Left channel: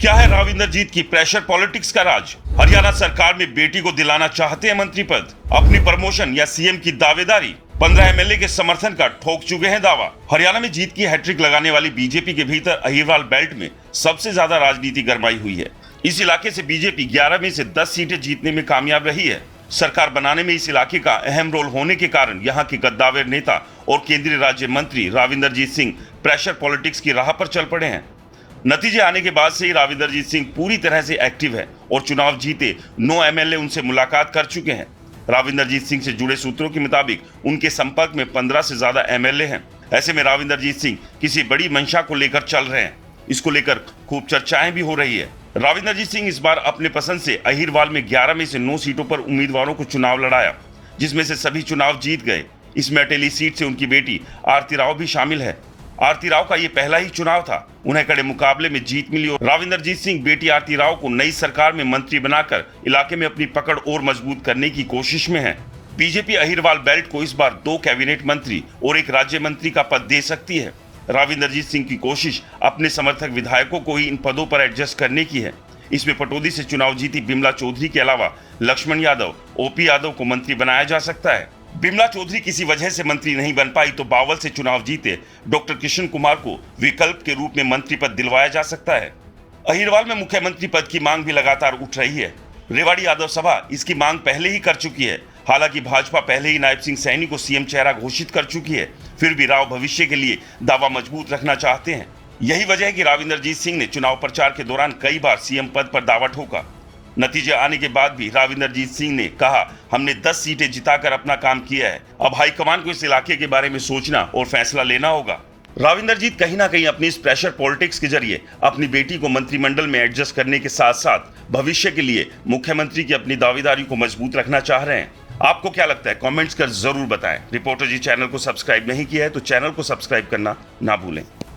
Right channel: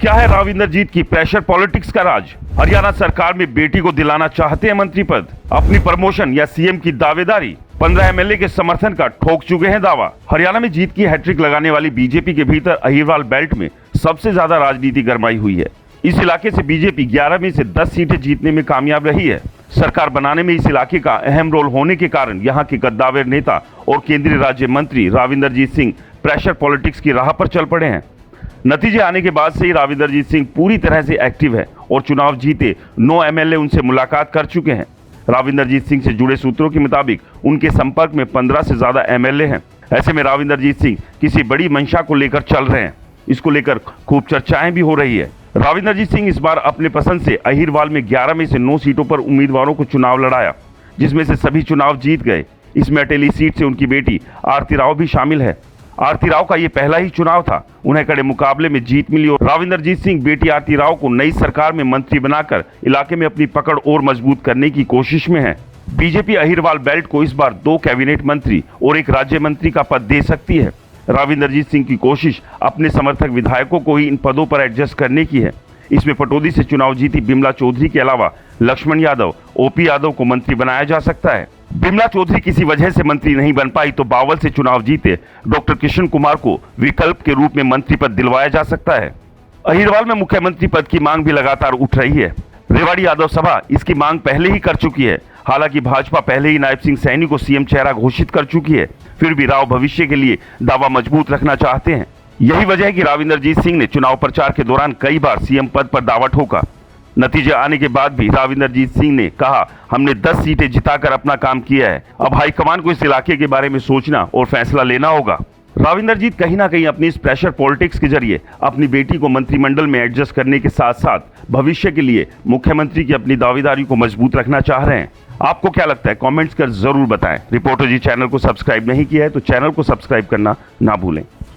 क्या है राविंदरजीत की प्रेशर पॉलिटिक्स का राज? हरियाणा सरकार में बेटी को दिलाना चाहते हैं मंत्री पद, अपनी प्रमोशन या सीएम की दावेदारी, 15 एमएलए के समर्थन का ठोक चुके हैं दावा। हरियाणा में जीत की हैट्रिक लगाने वाली बीजेपी के भीतर अहिरवाल बेल्ट में सबसे ज्यादा राजनीति गरमाई हुई है। इस इलाके से बीजेपी 11 में से 10 सीटें जीतने में कामयाब रही है। सरकार बनाने में इस इलाके का अहम रोल होने के कारण यहाँ के कद्दावर नेता और केंद्रीय राज्य मंत्री राविंदरजीत सिंह प्रेशर पॉलिटिक्स की राह पर चल पड़े हैं। नतीजे आने के बाद से ही राविंदरजीत सिंह पूरी तरह से एक्टिव है और चुनाव जीते 9 एमएलए उनसे मुलाकात कर चुके हैं। राविंदरजीत सिंह से जुड़े सूत्रों के मुताबिक उनके संपर्क में 15 से ज्यादा एमएलए हैं। ऐसे में राविंदरजीत सिंह किसी बड़ी मंशा को लेकर चल रहे हैं। इसको लेकर खूब चर्चाएं भी हो रही है। राविंदरजीत सिंह इस बार अपने पसंद से अहिरवाल में 11 में से 9 सीटों पर उम्मीदवारों को चुनाव लड़ाया, जिसमें से सभी चुनाव जीत गए। इसमें अटेली सीट से उनकी बेटी आरती राव भी शामिल है। आरती राव का ये पहला ही चुनाव था, उन्हें कड़े मुकाबले में जीत मिली और राविंदरजीत सिंह बेटी आरती राव को नई सरकार में मंत्री बनाकर इलाके में अपनी पकड़ और मजबूत करने की कोशिश में है। बीजेपी अहिरवाल बेल्ट को इस बार 2 कैबिनेट मंत्री और 1 राज्य मंत्री का पद दे सकती है। राविंदरजीत सिंह की कोशिश अपने समर्थक विधायकों को ही इन पदों पर एडजस्ट करने की है। इसमें पटौदी से चुनाव जीती बिमला चौधरी के अलावा लक्ष्मण यादव, ओपी यादव को मंत्री बनाया जा सकता है। बिमला चौधरी किसी वजह से मंत्री नहीं बन पाई तो बावल से चुनाव जीते डॉक्टर किशन कुमार को विकल्प के रूप में मंत्री पद दिलवाया जा सकता है। अहिरवाल में मुख्यमंत्री पद की मांग भी लगातार उठ रही है। रेवाड़ी यादव सभा इसकी मांग पहले ही कर चुकी है। हालांकि भाजपा पहले ही नायब सिंह सैनी को सीएम चेहरा घोषित कर चुकी है, फिर भी राव भविष्य के लिए दावा मजबूत रखना चाहते हैं। यही वजह है कि राविंदरजीत सिंह ने चुनाव प्रचार के दौरान कई बार सीएम पद पर दावा ठोका। नतीजे आने के बाद भी राविंदरजीत सिंह ने कहा, हमने 10 सीटें जिताकर अपना काम किया है, अब हाईकमान को इस इलाके के बारे में सोचना और फैसला लेना होगा। राविंदरजीत कहीं ना कहीं अपनी इस प्रेशर पॉलिटिक्स के जरिए अपनी बेटी को मंत्रिमंडल में एडजस्ट करने के साथ साथ भविष्य के लिए मुख्यमंत्री की अपनी दावेदारी को मजबूत रखना चाह रहे हैं। आपको क्या लगता है? कमेंट्स कर जरूर बताएं। रिपोर्टर जी चैनल को सब्सक्राइब नहीं किया है तो चैनल को सब्सक्राइब करना ना भूलें।